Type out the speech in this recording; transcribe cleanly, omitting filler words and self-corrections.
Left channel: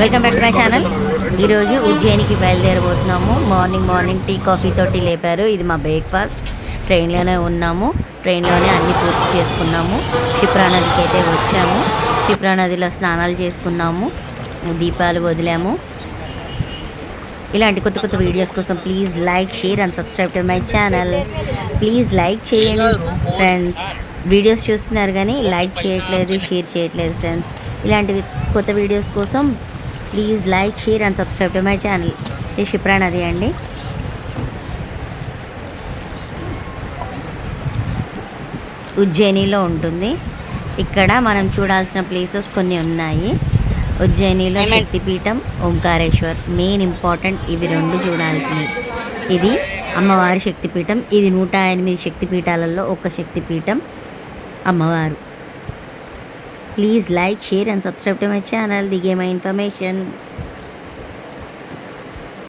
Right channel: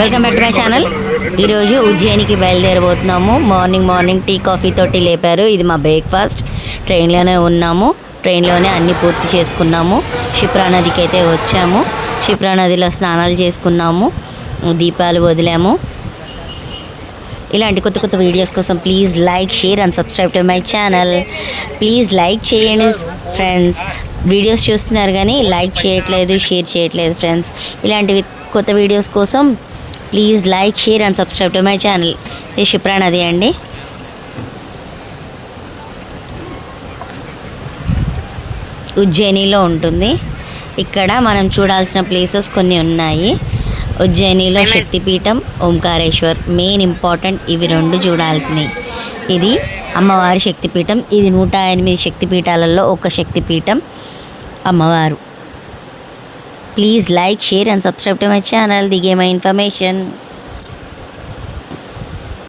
Welcome back to my channel. ఈరోజు ఉజ్జయినికి బయలుదేరబోతున్నాము. Morning tea coffee తోటి లేపారు. ఇది మా బ్రేక్ఫాస్ట్. ట్రైన్లోనే ఉన్నాము. ట్రైన్లోనే అన్నీ పూర్తి చేసుకున్నాము. క్షిప్రా నదికి అయితే వచ్చాము. క్షిప్రా నదిలో స్నానాలు చేసుకున్నాము, దీపాలు వదిలాము. ఇలాంటి కొత్త కొత్త వీడియోస్ కోసం please like, share and subscribe to my channel. Please like చేయండి ఫ్రెండ్స్. వీడియోస్ చూస్తున్నారు కానీ లైక్ చేయట్లేదు, షేర్ చేయట్లేదు ఫ్రెండ్స్. ఇలాంటివి కొత్త వీడియోస్ కోసం please like, share and subscribe to my channel. ఇది క్షిప్రా నది అండి. ఉజ్జయినిలో ఉంటుంది. ఇక్కడ మనం చూడాల్సిన ప్లేసెస్ కొన్ని ఉన్నాయి. ఉజ్జయినిలో శక్తిపీఠం, ఓంకారేశ్వర్ మెయిన్ ఇంపార్టెంట్. ఇవి రెండు చూడాల్సినవి. ఇది అమ్మవారి శక్తిపీఠం. ఇది 108 శక్తిపీఠాలలో ఒక శక్తిపీఠం అమ్మవారు. Please like, share and subscribe to my channel. దిగే మై ఇన్ఫర్మేషన్.